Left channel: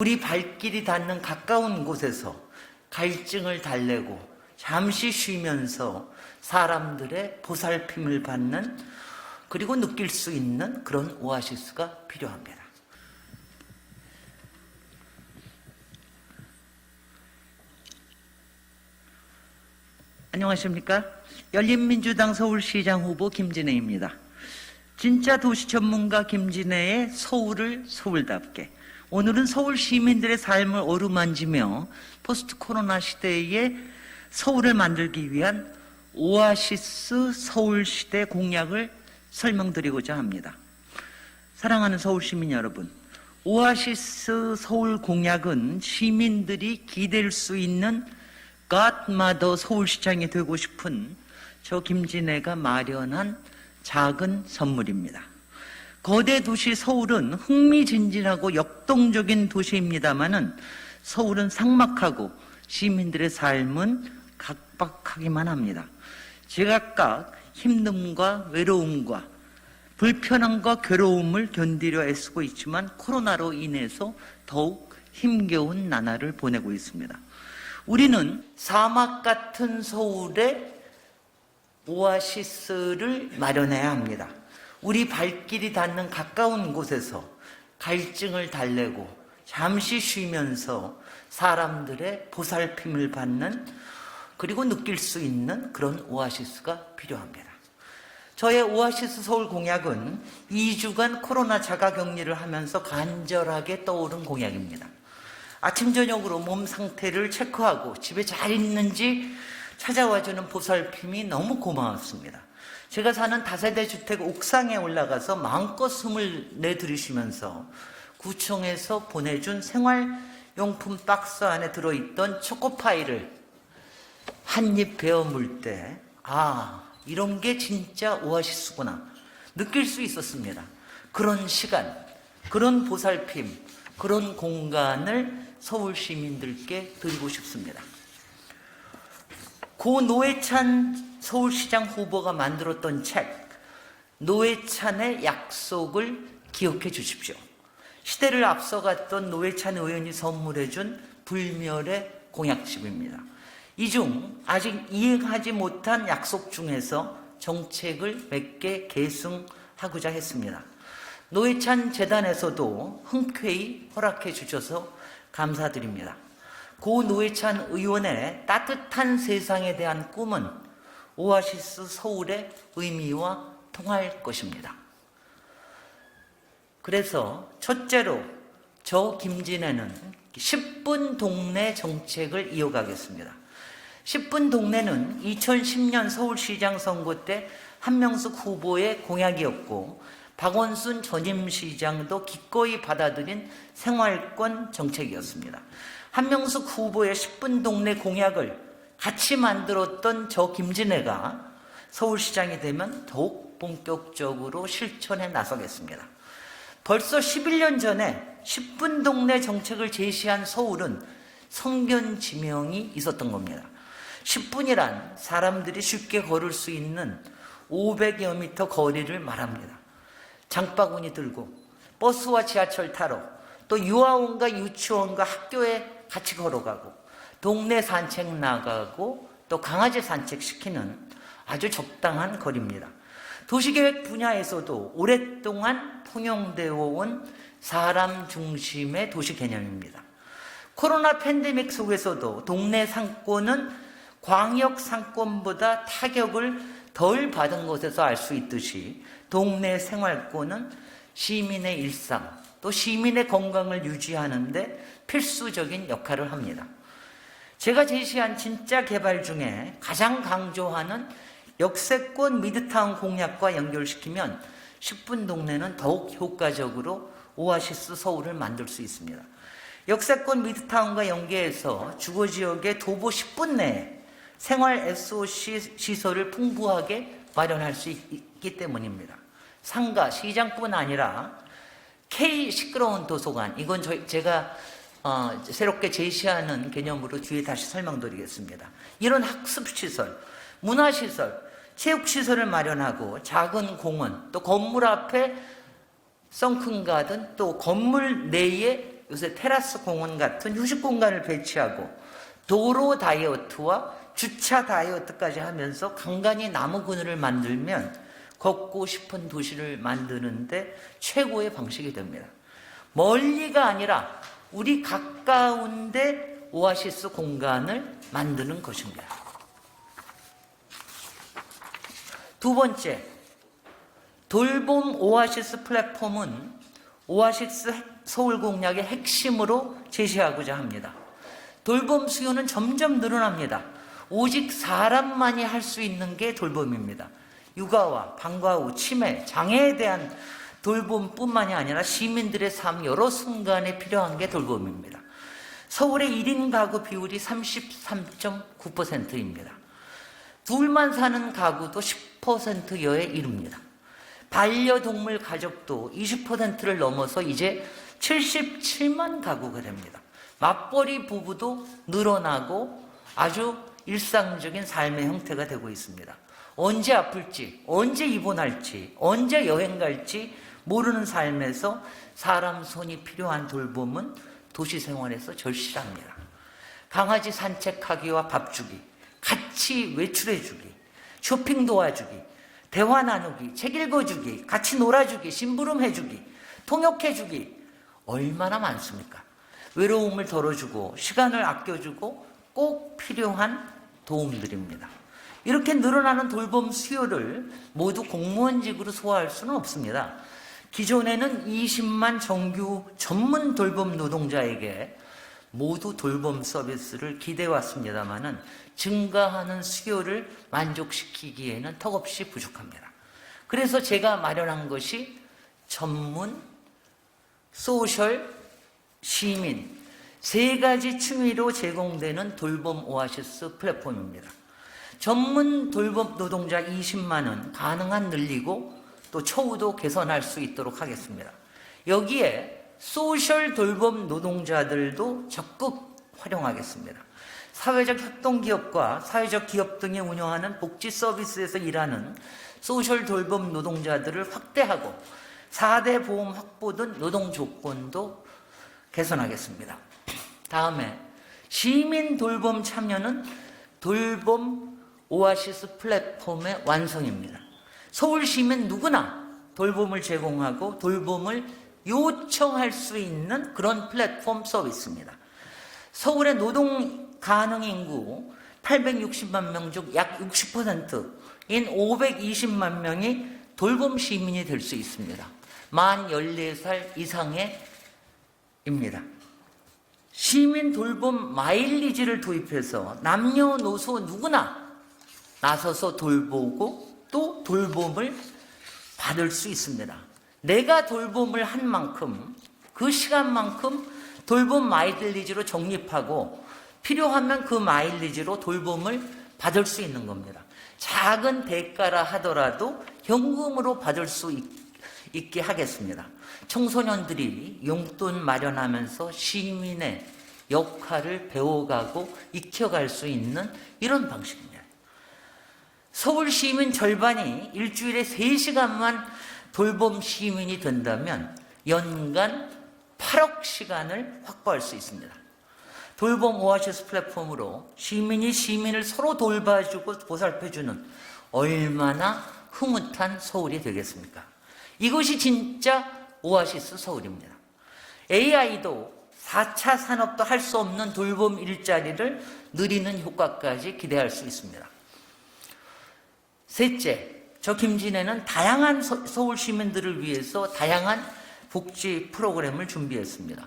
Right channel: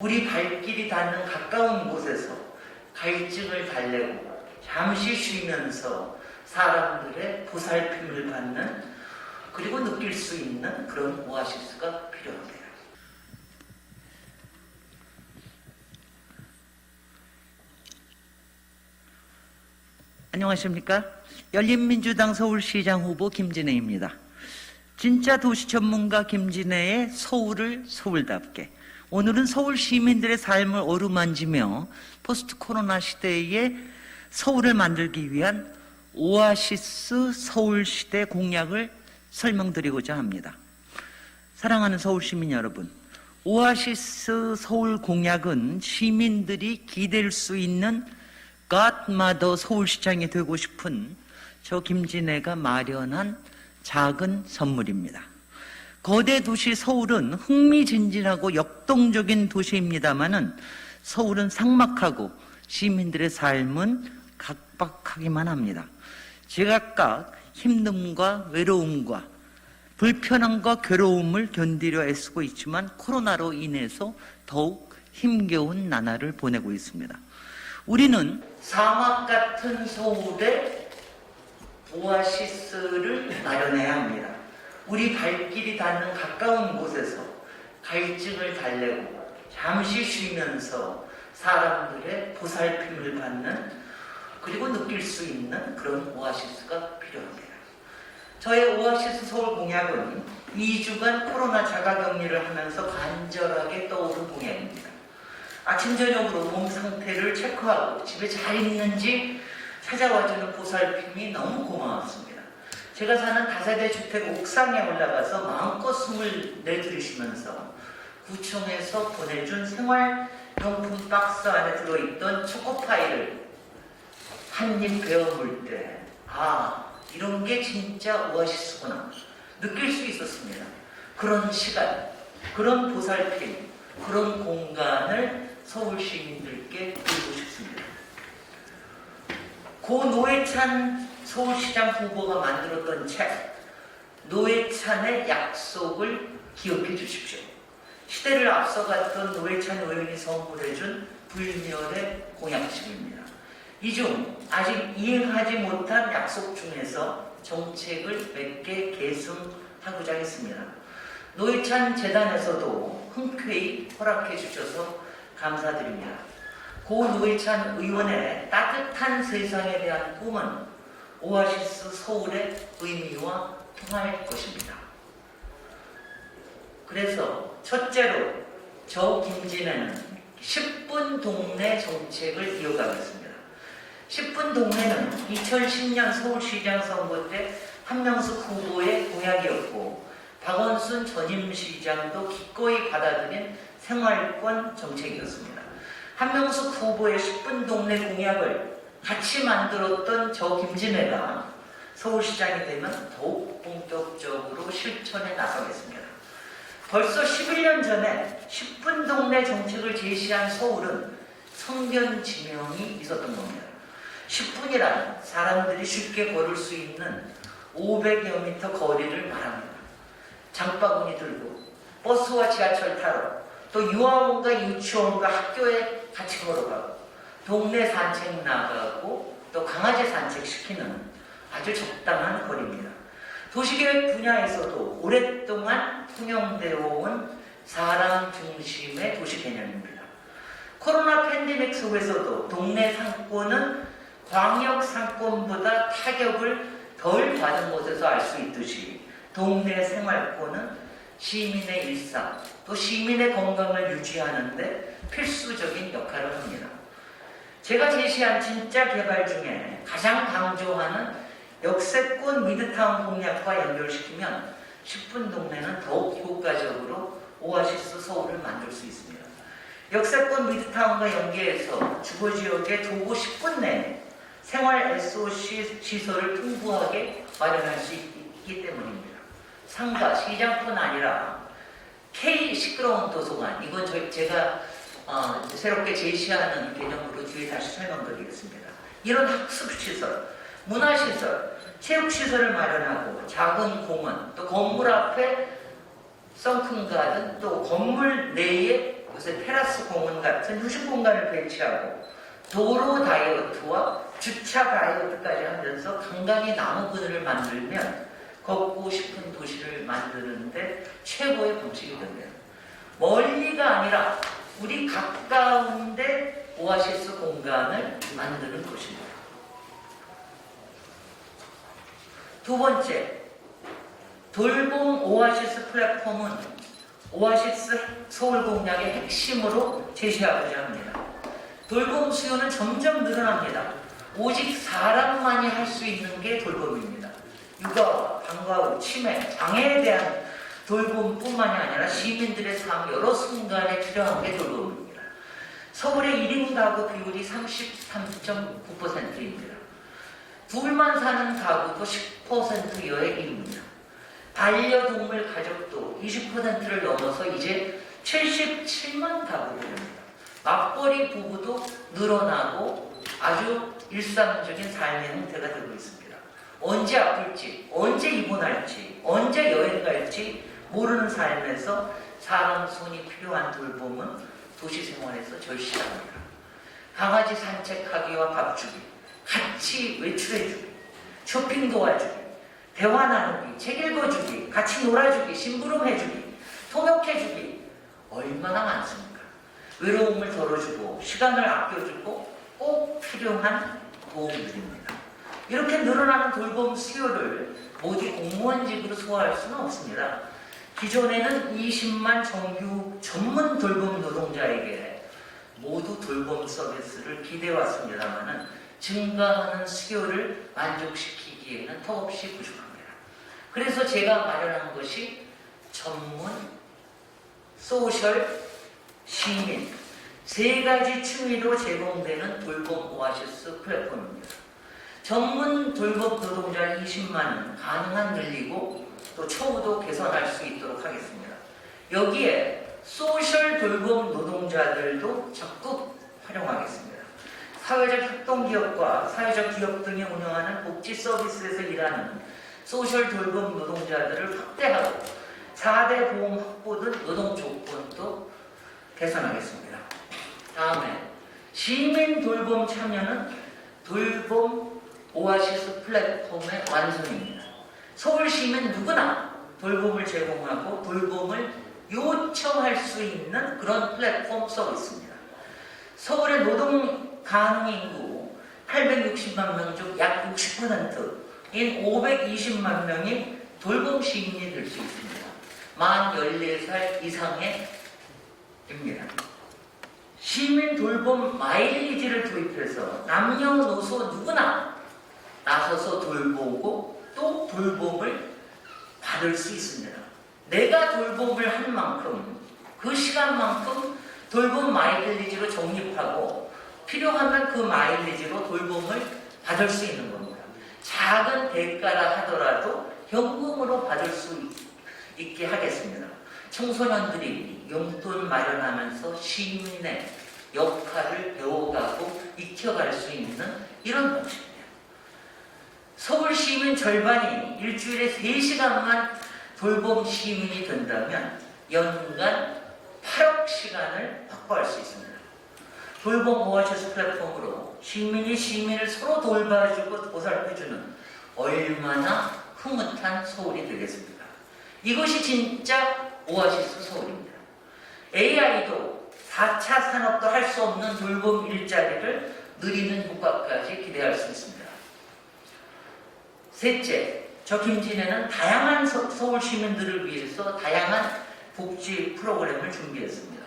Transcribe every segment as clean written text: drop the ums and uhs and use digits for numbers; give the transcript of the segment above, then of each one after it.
우리 발길이 닿는 가까운 곳에서 갈증을 달래고 잠시 쉬면서 사람들의 보살핌을 받는, 그리고 느낄 수 있는 그런 오아시스가 필요합니다. 안녕하십니까? 열린민주당 서울시장 후보 김진애입니다. 진짜 도시 전문가 김진애의 서울을 서울답게, 오늘은 서울 시민들의 삶을 어루만지며 포스트 코로나 시대에 서울을 만들기 위한 오아시스 서울시대 공약을 설명드리고자 합니다. 사랑하는 서울 시민 여러분, 오아시스 서울 공약은 시민들이 기댈 수 있는 갓마더 서울시장이 되고 싶은 저 김진애가 마련한 작은 선물입니다. 거대 도시 서울은 흥미진진하고 역동적인 도시입니다마는 서울은 삭막하고 시민들의 삶은 각박하기만 합니다. 제각각 힘듦과 외로움과 불편함과 괴로움을 견디려 애쓰고 있지만 코로나로 인해서 더욱 힘겨운 나날을 보내고 있습니다. 우리는 사막 같은 서울에 오아시스를 마련해야 합니다. 우리 발길이 닿는 가까운 곳에서 갈증을 달래고 잠시 쉬면서 사람들의 보살핌을 받는, 그리고 느낄 수 있는 그런 오아시스가 필요합니다. 저의 오아시스 서울 공약은 2주간 코로나 자가격리를 하면서 간절하게 떠오른 공약입니다. 아침 저녁으로 몸 상태를 체크하고 집에 잘 있는지 찾아와주는 보살핌이 너무 고마웠습니다. 제가 사는 다세대 주택 옥상에 올라가서 마음껏 숨을 내들이시면서 구청에서 보내준 생활용품 박스 안에 들어있던 초코파이를 한 입 베어 물 때, 이런 게 진짜 오아시스구나 느낄 수 있었습니다. 그런 시간, 그런 보살핌, 그런 공간을 서울 시민들께 드리고 싶습니다. 고 노회찬 서울시장 후보가 만들었던 책, 노회찬의 약속을 기억해 주십시오. 시대를 앞서갔던 노회찬 의원이 선물해준 불멸의 공약집입니다. 이 중 아직 이행하지 못한 약속 중에서 정책을 몇 개 계승하고자 했습니다. 노회찬 재단에서도 흔쾌히 허락해 주셔서 감사드립니다. 고 노회찬 의원의 따뜻한 세상에 대한 꿈은 오아시스 서울의 의미와 통할 것입니다. 그래서 첫째로 저 김진애는 10분 동네 정책을 이어가겠습니다. 10분 동네는 2010년 서울시장 선거 때 한명숙 후보의 공약이었고 박원순 전임시장도 기꺼이 받아들인 생활권 정책이었습니다. 한명숙 후보의 10분 동네 공약을 같이 만들었던 저 김진애가 서울시장이 되면 더욱 본격적으로 실천에 나서겠습니다. 벌써 11년 전에 10분 동네 정책을 제시한 서울은 성견지명이 있었던 겁니다. 10분이란 사람들이 쉽게 걸을 수 있는 500여 미터 거리를 말합니다. 장바구니 들고 버스와 지하철 타러, 또 유아원과 유치원과 학교에 같이 걸어가고, 동네 산책 나가고, 또 강아지 산책시키는 아주 적당한 거리입니다. 도시계획 분야에서도 오랫동안 통용되어 온 사람 중심의 도시 개념입니다. 코로나 팬데믹 속에서도 동네 상권은 광역 상권보다 타격을 덜 받은 것에서 알 수 있듯이 동네 생활권은 시민의 일상, 또 시민의 건강을 유지하는 데 필수적인 역할을 합니다. 제가 제시한 진짜 개발 중에 가장 강조하는 역세권 미드타운 공약과 연결시키면 10분 동네는 더욱 효과적으로 오아시스 서울을 만들 수 있습니다. 역세권 미드타운과 연계해서 주거지역의 도보 10분 내에 생활 SOC 시설을 풍부하게 마련할 수 있기 때문입니다. 상가, 시장뿐 아니라 K 시끄러운 도서관, 이건 제가 새롭게 제시하는 개념으로 뒤에 다시 설명드리겠습니다. 이런 학습시설, 문화시설, 체육시설을 마련하고 작은 공원, 또 건물 앞에 선큰 가든, 또 건물 내에 요새 테라스 공원 같은 휴식 공간을 배치하고 도로 다이어트와 주차 다이어트까지 하면서 간간히 나무 그늘을 만들면 걷고 싶은 도시를 만드는데 최고의 방식이 됩니다. 멀리가 아니라 우리 가까운데 오아시스 공간을 만드는 것입니다. 두 번째, 돌봄 오아시스 플랫폼은 오아시스 서울 공약의 핵심으로 제시하고자 합니다. 돌봄 수요는 점점 늘어납니다. 오직 사람만이 할 수 있는 게 돌봄입니다. 육아와 방과 후 치매, 장애에 대한 돌봄뿐만이 아니라 시민들의 삶 여러 순간에 필요한 게 돌봄입니다. 서울의 1인 가구 비율이 33.9%입니다. 둘만 사는 가구도 10%여에 이릅니다. 반려동물 가족도 20%를 넘어서 이제 77만 가구가 됩니다. 맞벌이 부부도 늘어나고 아주 일상적인 삶의 형태가 되고 있습니다. 언제 아플지, 언제 입원할지, 언제 여행 갈지 모르는 삶에서 사람 손이 필요한 돌봄은 도시 생활에서 절실합니다. 강아지 산책하기와 밥 주기, 같이 외출해주기, 쇼핑 도와주기, 대화 나누기, 책 읽어주기, 같이 놀아주기, 심부름해주기, 통역해주기 얼마나 많습니까? 외로움을 덜어주고 시간을 아껴주고 꼭 필요한 도움들입니다. 이렇게 늘어나는 돌봄 수요를 모두 공무원직으로 소화할 수는 없습니다. 기존에는 20만 정규 전문 돌봄 노동자에게 모두 돌봄 서비스를 기대해왔습니다만은 증가하는 수요를 만족시키기에는 턱없이 부족합니다. 그래서 제가 마련한 것이 전문, 소셜, 시민 세 가지 취미로 제공되는 돌봄 오아시스 플랫폼입니다. 전문 돌봄 노동자 20만은 가능한 늘리고 또 처우도 개선할 수 있도록 하겠습니다. 여기에 소셜 돌봄 노동자들도 적극 활용하겠습니다. 사회적 협동기업과 사회적 기업 등이 운영하는 복지 서비스에서 일하는 소셜 돌봄 노동자들을 확대하고 4대 보험 확보 등 노동 조건도 개선하겠습니다. 다음에 시민 돌봄 참여는 돌봄 오아시스 플랫폼의 완성입니다. 서울 시민 누구나 돌봄을 제공하고 돌봄을 요청할 수 있는 그런 플랫폼 서비스입니다. 서울의 노동 가능 인구 860만 명 중 약 60%인 520만 명이 돌봄 시민이 될 수 있습니다. 만 14살 이상의 입니다. 시민 돌봄 마일리지를 도입해서 남녀노소 누구나 나서서 돌보고 또 돌봄을 받을 수 있습니다. 내가 돌봄을 한 만큼 그 시간만큼 돌봄 마일리지로 적립하고 필요하면 그 마일리지로 돌봄을 받을 수 있는 겁니다. 작은 대가라 하더라도 현금으로 받을 수 있게 하겠습니다. 청소년들이 용돈 마련하면서 시민의 역할을 배워가고 익혀갈 수 있는 이런 방식입니다. 서울 시민 절반이 일주일에 3시간만 돌봄 시민이 된다면 연간 8억 시간을 확보할 수 있습니다. 돌봄 오아시스 플랫폼으로 시민이 시민을 서로 돌봐주고 보살펴주는 얼마나 흐뭇한 서울이 되겠습니까? 이것이 진짜 오아시스 서울입니다. AI도 4차 산업도 할 수 없는 돌봄 일자리를 누리는 효과까지 기대할 수 있습니다. 셋째, 저 김진애는 다양한 서울 시민들을 위해서 다양한 복지 프로그램을 준비했습니다.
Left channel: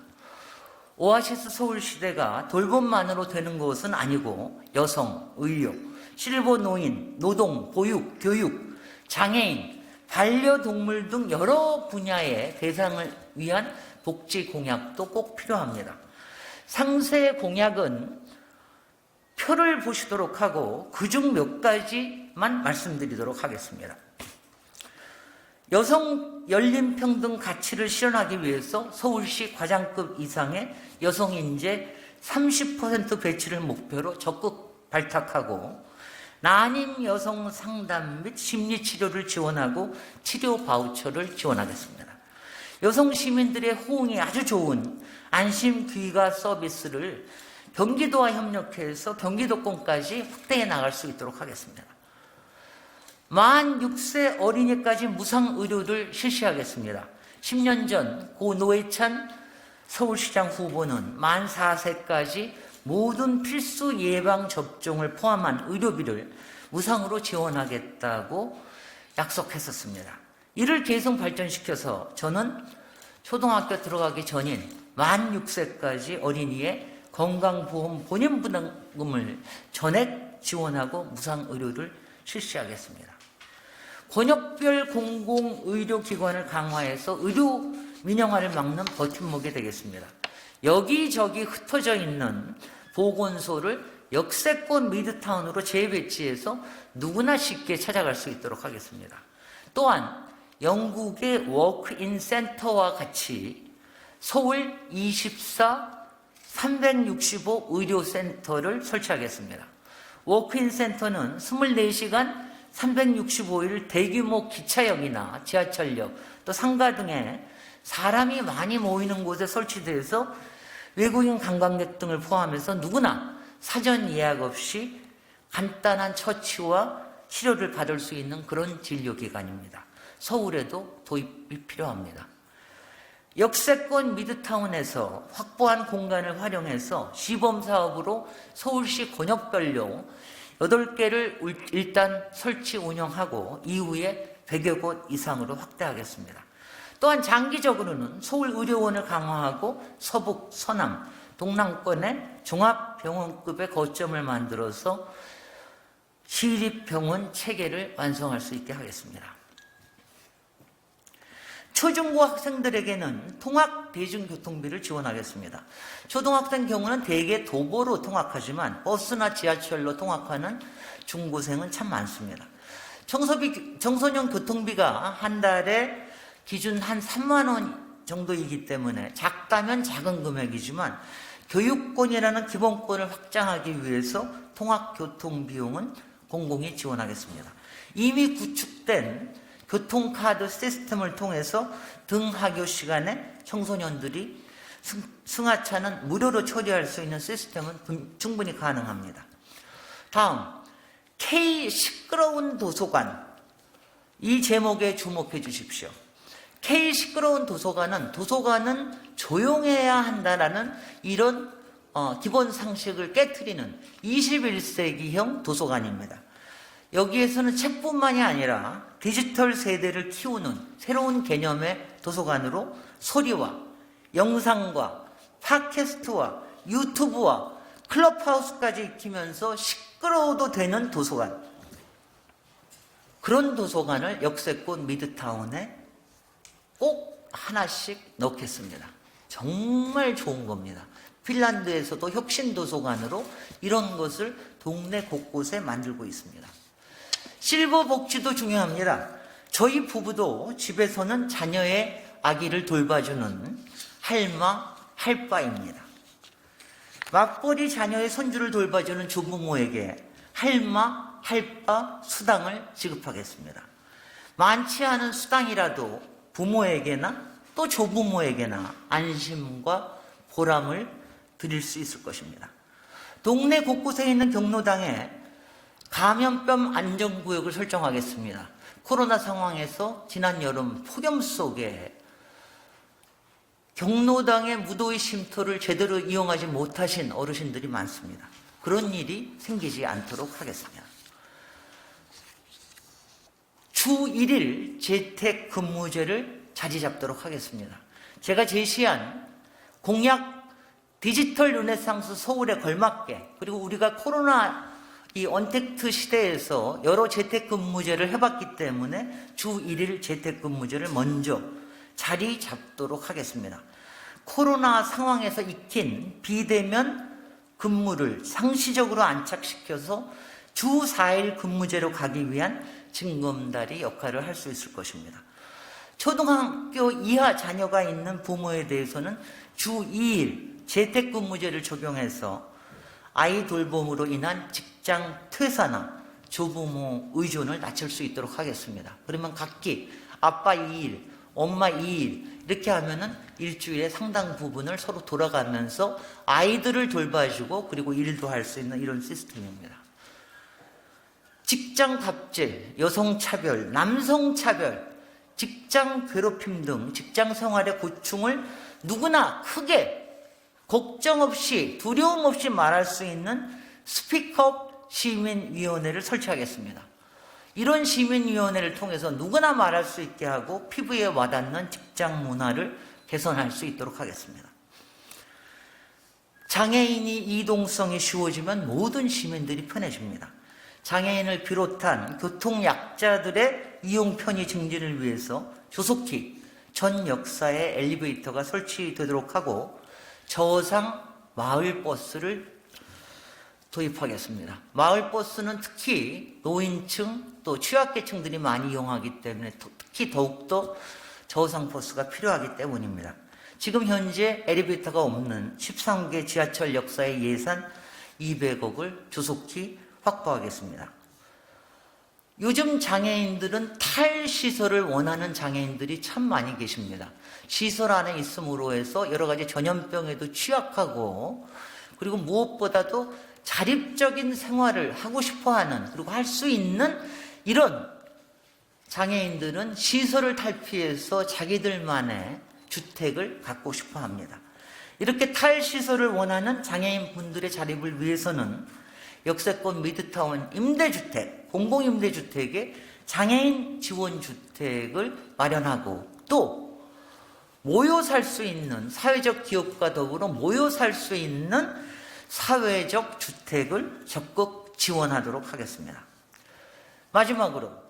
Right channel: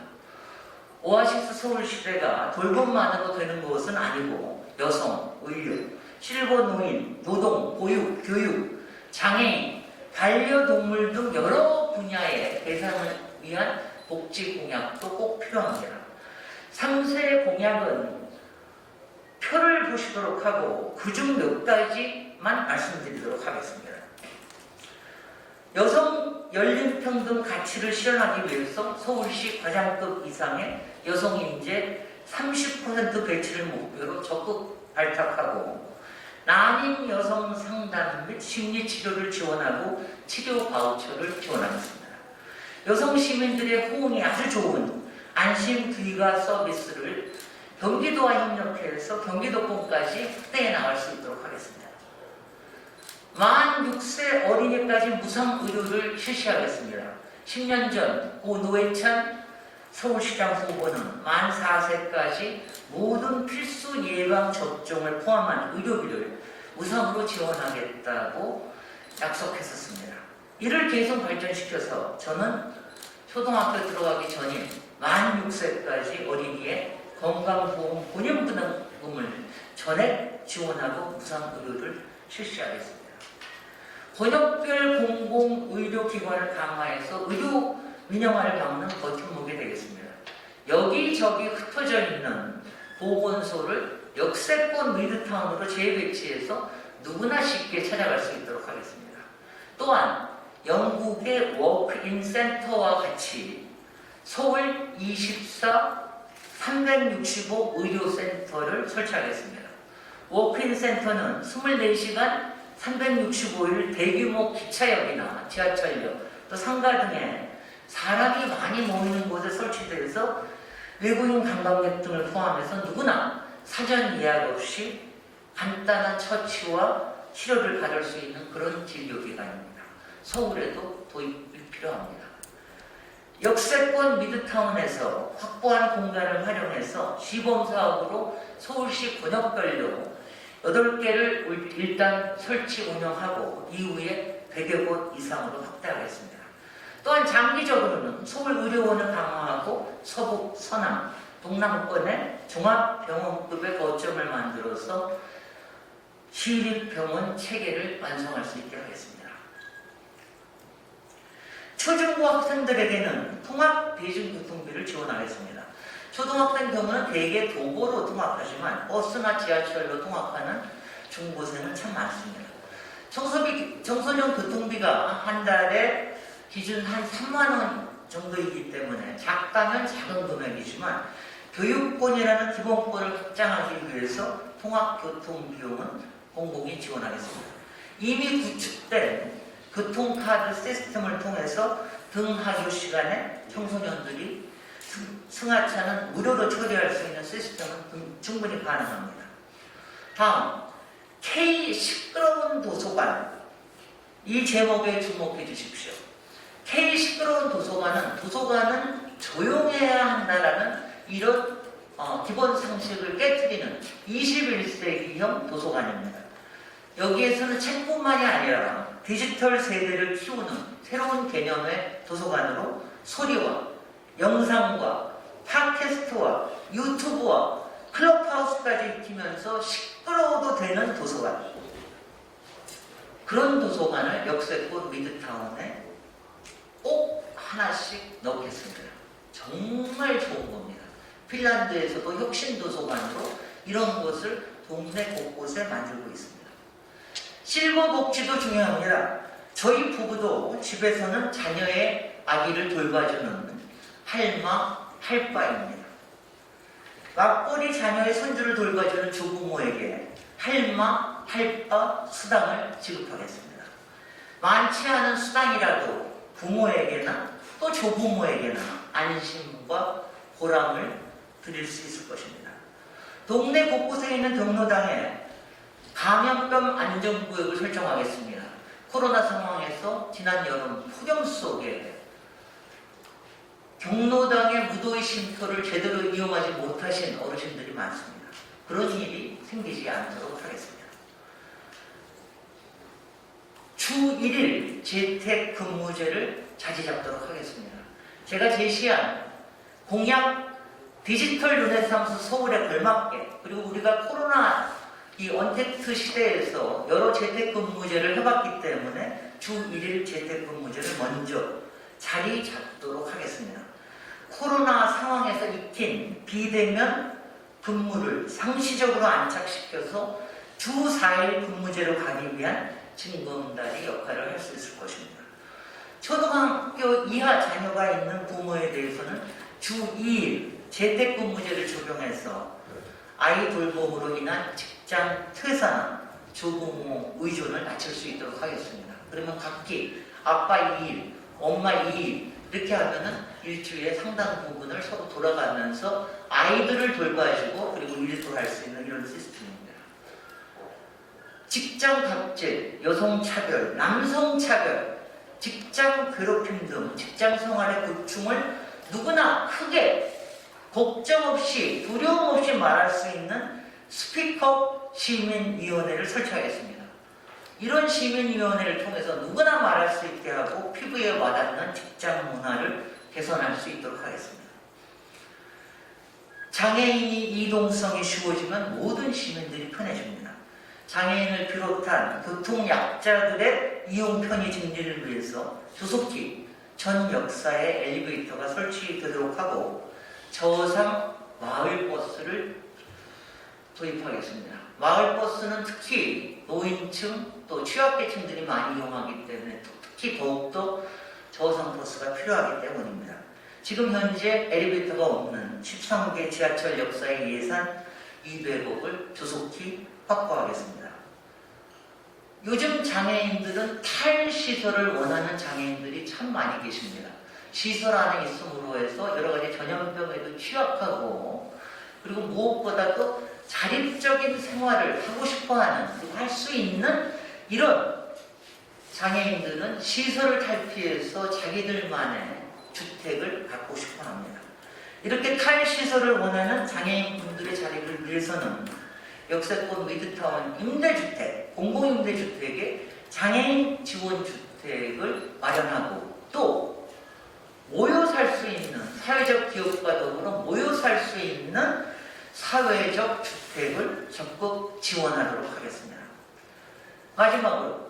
오아시스 서울 시대가 돌봄만으로 되는 것은 아니고 여성, 의료, 실버 노인, 노동, 보육, 교육, 장애인, 반려동물 등 여러 분야의 대상을 위한 복지 공약도 꼭 필요합니다. 3세 공약은 표를 보시도록 하고 그중 몇 가지만 말씀드리도록 하겠습니다. 여성 연립평등 가치를 실현하기 위해서 서울시 과장급 이상의 여성 인재 30% 배치를 목표로 적극 발탁하고 난임 여성 상담 및 심리치료를 지원하고 치료 바우처를 지원하겠습니다. 여성 시민들의 호응이 아주 좋은 안심 귀가 서비스를 경기도와 협력해서 경기도권까지 확대해 나갈 수 있도록 하겠습니다. 만 6세 어린이까지 무상 의료를 실시하겠습니다. 10년 전 고 노회찬 서울시장 후보는 만 4세까지 모든 필수 예방 접종을 포함한 의료비를 무상으로 지원하겠다고 약속했었습니다. 이를 계속 발전시켜서 저는 초등학교 들어가기 전인 만 6세까지 어린이의 건강보험 본인부담금을 전액 지원하고 무상 의료를 실시하겠습니다. 권역별 공공의료기관을 강화해서 의료 민영화를 막는 버팀목이 되겠습니다. 여기저기 흩어져 있는 보건소를 역세권 미드타운으로 재배치해서 누구나 쉽게 찾아갈 수 있도록 하겠습니다. 또한 영국의 워크인 센터와 같이 서울 24 365 의료센터를 설치하겠습니다. 워크인 센터는 24시간 365일 대규모 기차역이나 지하철역 또 상가 등에 사람이 많이 모이는 곳에 설치되어서 외국인 관광객 등을 포함해서 누구나 사전 예약 없이 간단한 처치와 치료를 받을 수 있는 그런 진료기관입니다. 서울에도 도입이 필요합니다. 역세권 미드타운에서 확보한 공간을 활용해서 시범사업으로 서울시 권역별로 8개를 일단 설치 운영하고 이후에 100여 곳 이상으로 확대하겠습니다. 또한 장기적으로는 서울의료원을 강화하고 서북, 서남, 동남권에 종합병원급의 거점을 만들어서 시립병원 체계를 완성할 수 있게 하겠습니다. 초중고 학생들에게는 통합 대중교통비를 지원하겠습니다. 초등학생 경우는 대개 도보로 통학하지만 버스나 지하철로 통학하는 중고생은 참 많습니다. 청소년 교통비가 한 달에 기준 한 3만원 정도이기 때문에 작다면 작은 금액이지만 교육권이라는 기본권을 확장하기 위해서 통학교통비용은 공공이 지원하겠습니다. 이미 구축된 교통카드 시스템을 통해서 등하교 시간에 청소년들이 승하차는 무료로 처리할 수 있는 시스템은 충분히 가능합니다. 다음, K 시끄러운 도서관. 이 제목에 주목해 주십시오. K 시끄러운 도서관은 조용해야 한다라는 이런 기본 상식을 깨트리는 21세기형 도서관입니다. 여기에서는 책뿐만이 아니라 디지털 세대를 키우는 새로운 개념의 도서관으로 소리와 영상과 팟캐스트와 유튜브와 클럽하우스까지 익히면서 시끄러워도 되는 도서관, 그런 도서관을 역세권 미드타운에 꼭 하나씩 넣겠습니다. 정말 좋은 겁니다. 핀란드에서도 혁신도서관으로 이런 것을 동네 곳곳에 만들고 있습니다. 실버 복지도 중요합니다. 저희 부부도 집에서는 자녀의 아기를 돌봐주는 할마, 할바입니다. 맞벌이 자녀의 손주를 돌봐주는 조부모에게 할마, 할바 수당을 지급하겠습니다. 많지 않은 수당이라도 부모에게나 또 조부모에게나 안심과 보람을 드릴 수 있을 것입니다. 동네 곳곳에 있는 경로당에 감염병 안전구역을 설정하겠습니다. 코로나 상황에서 지난 여름 폭염 속에 경로당의 무더위 쉼터를 제대로 이용하지 못하신 어르신들이 많습니다. 그런 일이 생기지 않도록 하겠습니다. 주 1일 재택근무제를 자리 잡도록 하겠습니다. 제가 제시한 공약 디지털 르네상스 서울에 걸맞게, 그리고 우리가 코로나 이 언택트 시대에서 여러 재택근무제를 해봤기 때문에 주 1일 재택근무제를 먼저 자리 잡도록 하겠습니다. 코로나 상황에서 익힌 비대면 근무를 상시적으로 안착시켜서 주 4일 근무제로 가기 위한 징검다리 역할을 할 수 있을 것입니다. 초등학교 이하 자녀가 있는 부모에 대해서는 주 2일 재택근무제를 적용해서 아이 돌봄으로 인한 직장 퇴사나 조부모 의존을 낮출 수 있도록 하겠습니다. 그러면 각기 아빠 2일, 엄마 2일, 이렇게 하면은 일주일에 상당 부분을 서로 돌아가면서 아이들을 돌봐주고 그리고 일도 할 수 있는 이런 시스템입니다. 직장 갑질, 여성 차별, 남성 차별, 직장 괴롭힘 등 직장 생활의 고충을 누구나 크게 걱정 없이 두려움 없이 말할 수 있는 스피커 시민위원회를 설치하겠습니다. 이런 시민위원회를 통해서 누구나 말할 수 있게 하고 피부에 와닿는 직장 문화를 개선할 수 있도록 하겠습니다. 장애인이 이동성이 쉬워지면 모든 시민들이 편해집니다. 장애인을 비롯한 교통약자들의 이용 편의 증진을 위해서 조속히 전 역사에 엘리베이터가 설치되도록 하고 저상 마을버스를 도입하겠습니다. 마을버스는 특히 노인층 또 취약계층들이 많이 이용하기 때문에 특히 더욱더 저상 버스가 필요하기 때문입니다. 지금 현재 엘리베이터가 없는 13개 지하철 역사의 예산 200억을 조속히 확보하겠습니다. 요즘 장애인들은 탈시설을 원하는 장애인들이 참 많이 계십니다. 시설 안에 있음으로 해서 여러 가지 전염병에도 취약하고 그리고 무엇보다도 자립적인 생활을 하고 싶어하는 그리고 할 수 있는 이런 장애인들은 시설을 탈피해서 자기들만의 주택을 갖고 싶어 합니다. 이렇게 탈시설을 원하는 장애인분들의 자립을 위해서는 역세권 미드타운 임대주택, 공공임대주택에 장애인 지원주택을 마련하고 또 모여 살 수 있는 사회적 기업과 더불어 모여 살 수 있는 사회적 주택을 적극 지원하도록 하겠습니다. 마지막으로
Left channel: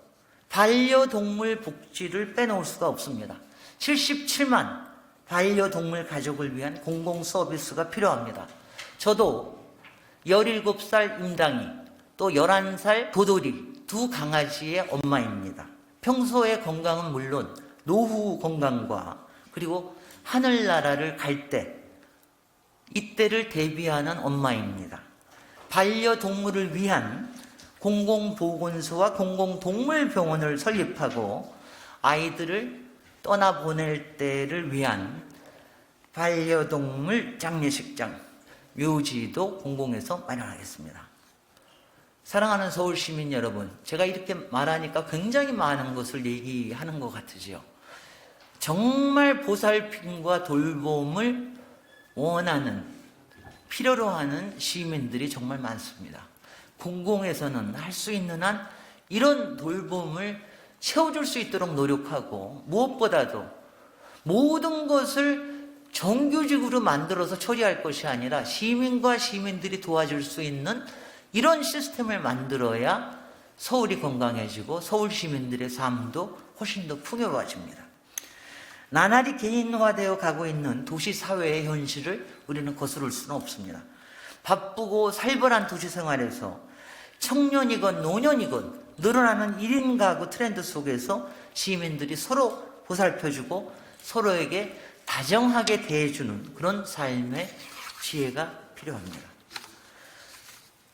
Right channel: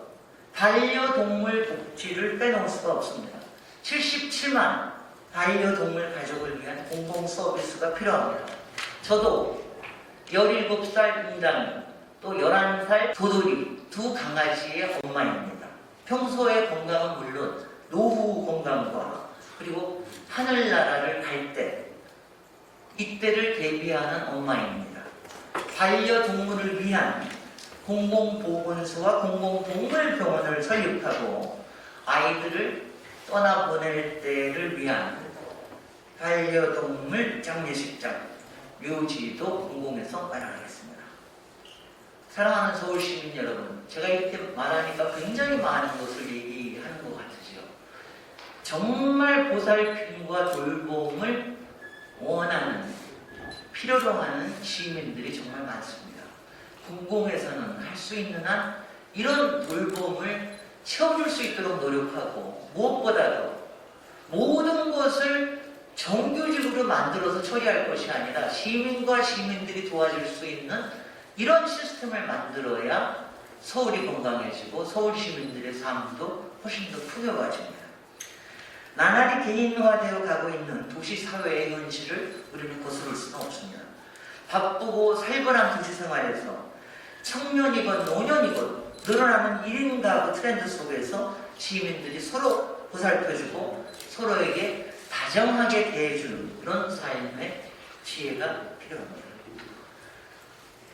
반려동물 복지를 빼놓을 수가 없습니다. 77만 반려동물 가족을 위한 공공 서비스가 필요합니다. 저도 17살 임당이 또 11살 도돌이 두 강아지의 엄마입니다. 평소의 건강은 물론 노후 건강과 그리고 하늘나라를 갈 때 이때를 대비하는 엄마입니다. 반려동물을 위한 공공보건소와 공공동물병원을 설립하고 아이들을 떠나보낼 때를 위한 반려동물 장례식장, 묘지도 공공에서 마련하겠습니다. 사랑하는 서울시민 여러분, 제가 이렇게 말하니까 굉장히 많은 것을 얘기하는 것 같으지요. 정말 보살핌과 돌봄을 원하는, 필요로 하는 시민들이 정말 많습니다. 공공에서는 할 수 있는 한 이런 돌봄을 채워줄 수 있도록 노력하고 무엇보다도 모든 것을 정규직으로 만들어서 처리할 것이 아니라 시민과 시민들이 도와줄 수 있는 이런 시스템을 만들어야 서울이 건강해지고 서울 시민들의 삶도 훨씬 더 풍요로워집니다. 나날이 개인화되어 가고 있는 도시 사회의 현실을 우리는 거스를 수는 없습니다. 바쁘고 살벌한 도시 생활에서 청년이건 노년이건 늘어나는 1인 가구 트렌드 속에서 시민들이 서로 보살펴주고 서로에게 다정하게 대해주는 그런 삶의 지혜가 필요합니다.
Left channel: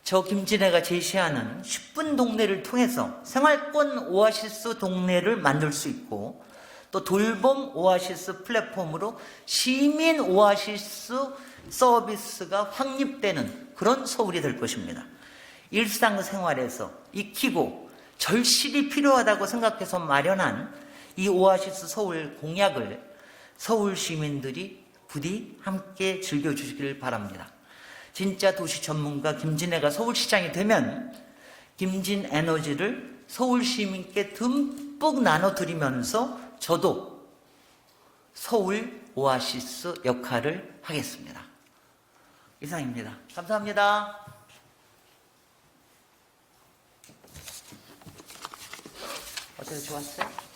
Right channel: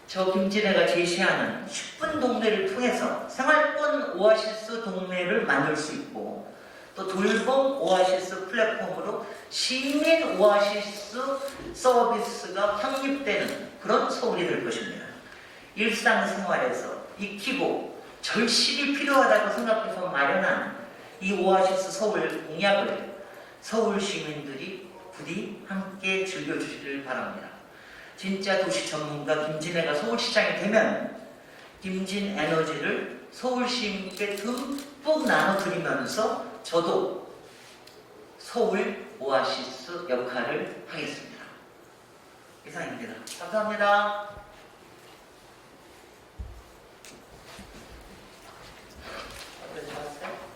저 김진애가 제시하는 10분 동네를 통해서 생활권 오아시스 동네를 만들 수 있고 또 돌봄 오아시스 플랫폼으로 시민 오아시스 서비스가 확립되는 그런 서울이 될 것입니다. 일상생활에서 익히고 절실히 필요하다고 생각해서 마련한 이 오아시스 서울 공약을 서울 시민들이 부디 함께 즐겨주시길 바랍니다. 진짜 도시 전문가 김진애가 서울시장이 되면 김진 에너지를 서울 시민께 듬뿍 나눠드리면서 저도 서울 오아시스 역할을 하겠습니다. 이상입니다. 감사합니다. 어서 좋았어요?